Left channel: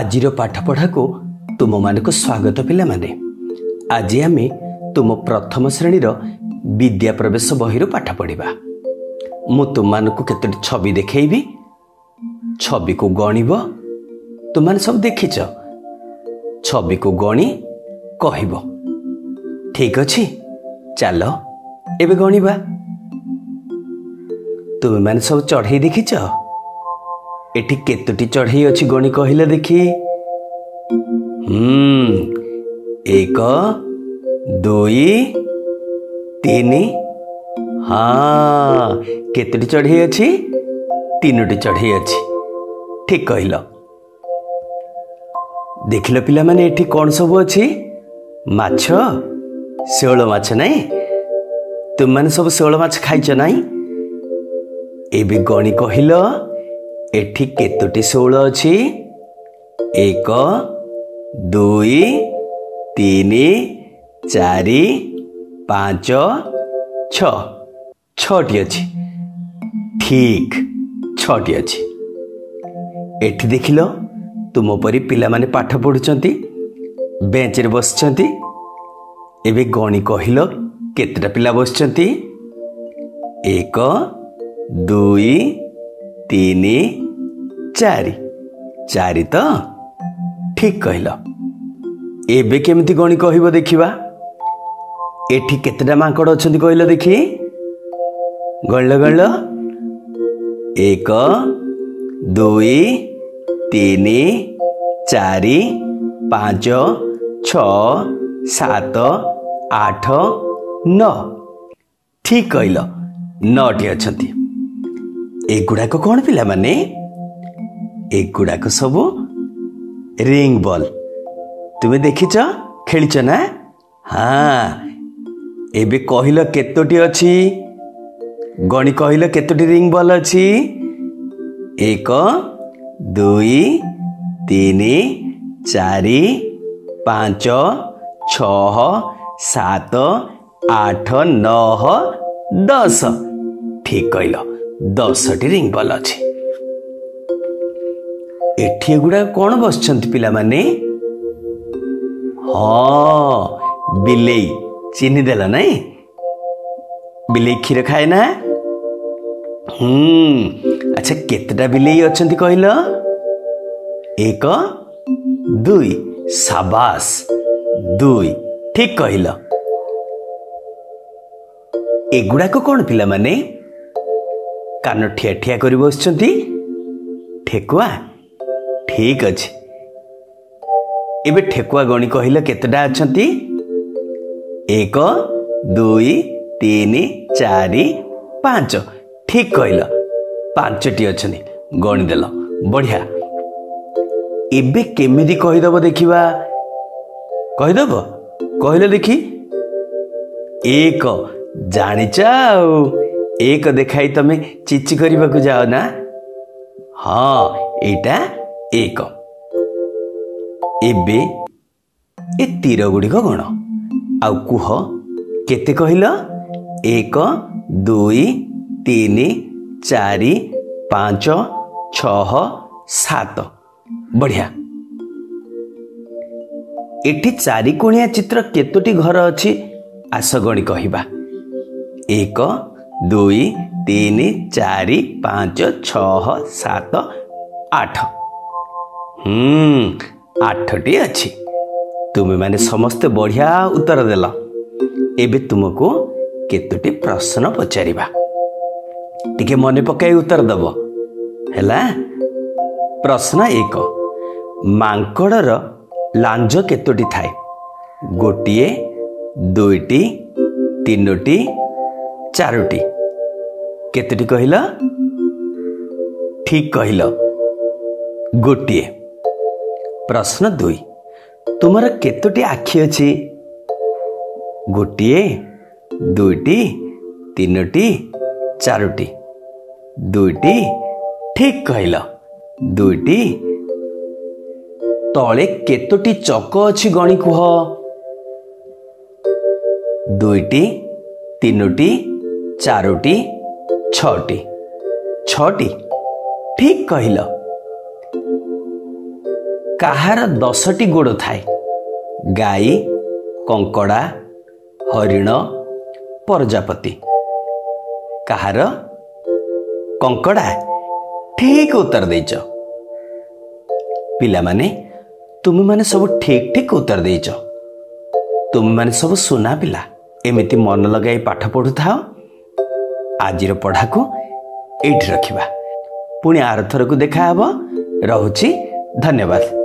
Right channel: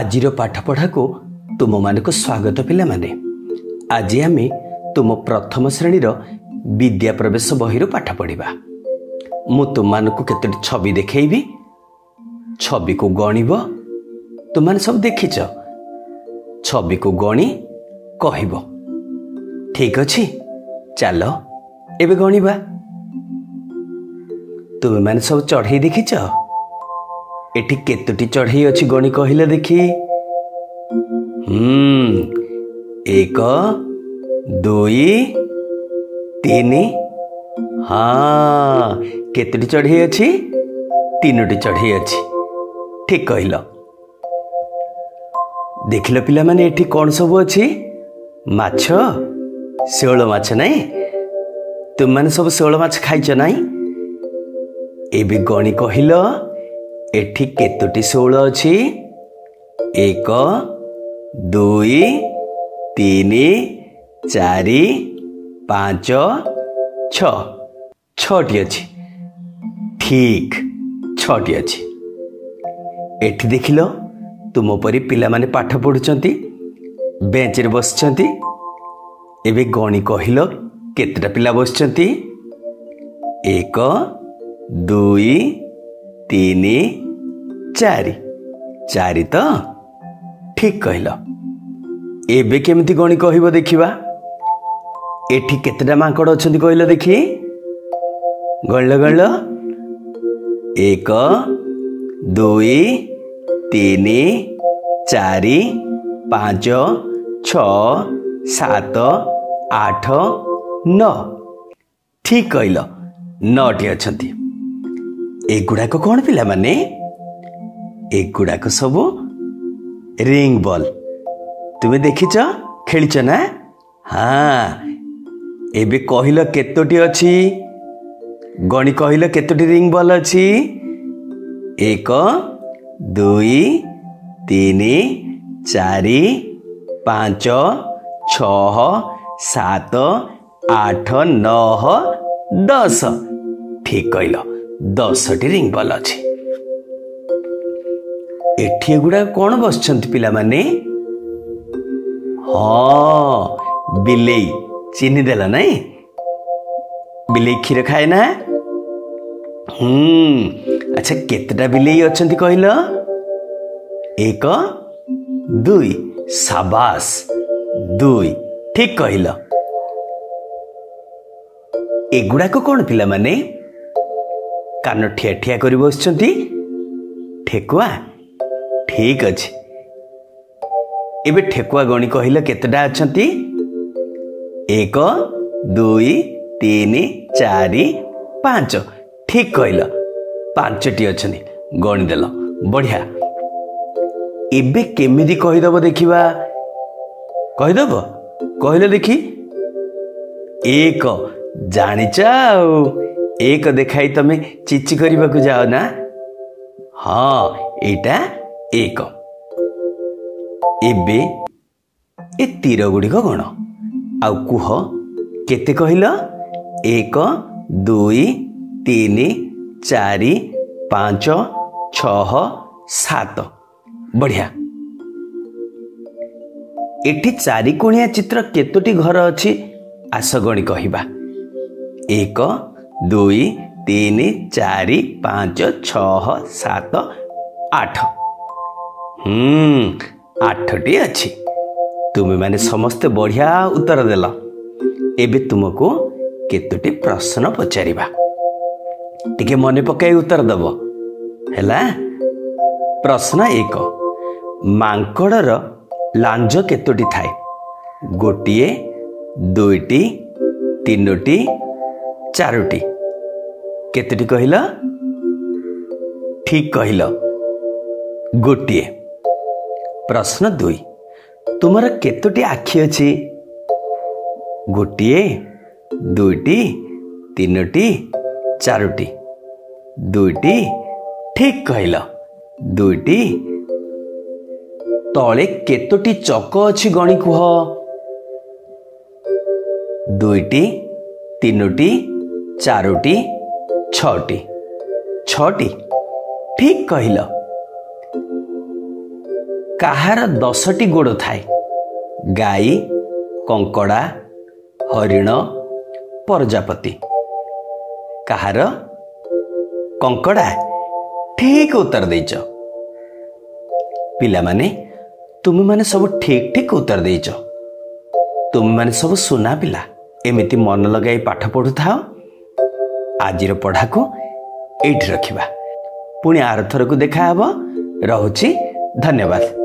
आजिर पाठपढ़ा को तुम मानक स्वागत पिला माने। आज आमे तुम प्रथम श्रेणीर विद्या प्रवेश बही पाठ पढ़ा। मु तुम मानक केतोटी छवि देखैबी, छवि को गणिब। तुम माने सब देखिछ, छवि को गणी कहब। ठीक अछि, चल एबे गणिबा। तुम माने सब चढ़ई देखिछ, एठी केतोटी चढ़ई अछि गणी कहिला देखि। 1 2 3। हाँ, केतोटी चढ़ई अछि? 3टी चढ़ई अछि। ठीक कहिल। देखिल पिला माने एठी कौन सब अछि? माछ, शेवळ माछ नाही? तुम माने सब शेवळ माछ खाइछ नाही? एबे गणी कहिल एठी केतोटी शेवळ अछि? 1 2 3 4 5 6। 6टी अछि। ठीक, 6टी अछि। एठी देखिल तुम परी पिला माने पाठ पढ़ुचंती, बेंच रे बसचंती। एबे गणी कहिल केतेटा पिला बसचंती? 1 2 3 4। 4 तो ठीक कहिल। एबे केमिति गणी कहिबो देखिबा। एठी केतेटा माଙ୍କड़ अछंती कहिल देखि? गणल 1 2 3 4 5 6 7 8 9। ठीक कहिल, 9टी अछंती। एगुड़ाक कौन पिला माने? एगुड़ाक सब रिंग बॉल। तुम्हें देखिच, खेलिच ना? हाँ, एबे कहिल केतोटी अछि? गणी कहिल केतोटी रिंग बॉल अछि? 1 2 3 4 5 6 7 8 9 10। ठीक कहिल, 10टी रिंग बॉल अछि। एठी गुड़ा कौन बसछंती पिला माने? हाँ, बिलेई। चिन्ही देला नहीं? बिलेई क्षीर खाए ना? अच्छा, केतटा बिलेई अछंती कहिल? 1 2। शाबाश, 2। ठीक कहिल। एगुड़ा को कौन पिला माने? कान ठिया ठिया करी बसछंती, ठेकुआ। ठीक अछि। एबे ठेकुआ गणी कहिल केतटा अछंती? 1 2 3 4 5। ठीक कहिल, 5टी अछंती। गणी देल, बढ़िया। एबे केमिति कहिदब देखिबा? कहिदब? कहिल देखि। 1। जानिच आउ, 1 देखाई तमे चिची करबाकू जाओ ना? हाँ, एटा 1। एबे ए तीर गुड़िक गण आउ कुह केते कहिल? 1 2 3 4 5 6 7। बढ़िया। एठी 4 कोणिया चित्र केतोटी घर अछि? आस गणी कहिबा। 1 2 3 4 5 6 7 8। 8टी अछि। तुमे माने समस्त बढ़िया उत्तर देल। एबे तुमको केतोटी प्रश्न पचारिबा, टिके मने पकाई उत्तर दब हैला। प्रश्न 1। मांकड़र लांज केतोटी थाए? 1 2 3 4। केतोटी कहिल? ठीक कहिल, 1। प्रश्न 2। तुमर केतोटी आखि अछि? 1 2 3 4। 2टी। ठीक कहिल, 2टी। तले केतोटी चक अछि गणी कुह? 2 3 4 6। 6टी। ठीक कहिल। କାହାର 10ଟି ଗୋଡ଼ ଥାଏ? ଗାଈ, କଙ୍କଡ଼ା, ହରିଣ, ପ୍ରଜାପତି। କାହାର? କଙ୍କଡ଼ା। ଠିକ୍ ଉତ୍ତର ଦେଇଛ। ପିଲାମାନେ, ତୁମେମାନେ ସବୁ ଠିକ୍ ଠିକ୍ ଉତ୍ତର ଦେଇଛ। ତୁମେମାନେ ସବୁ ସୁନା ପିଲା। ଏମିତି ମନ ଲଗାଇ ପାଠ ପଢ଼ୁଥାଅ। ଆଜିର ପଢ଼ାକୁ ଏଇଠି ରଖିବା। ପୁଣି ଆରଥରକୁ ଦେଖାହେବ। ରହୁଛି। ଧନ୍ୟବାଦ।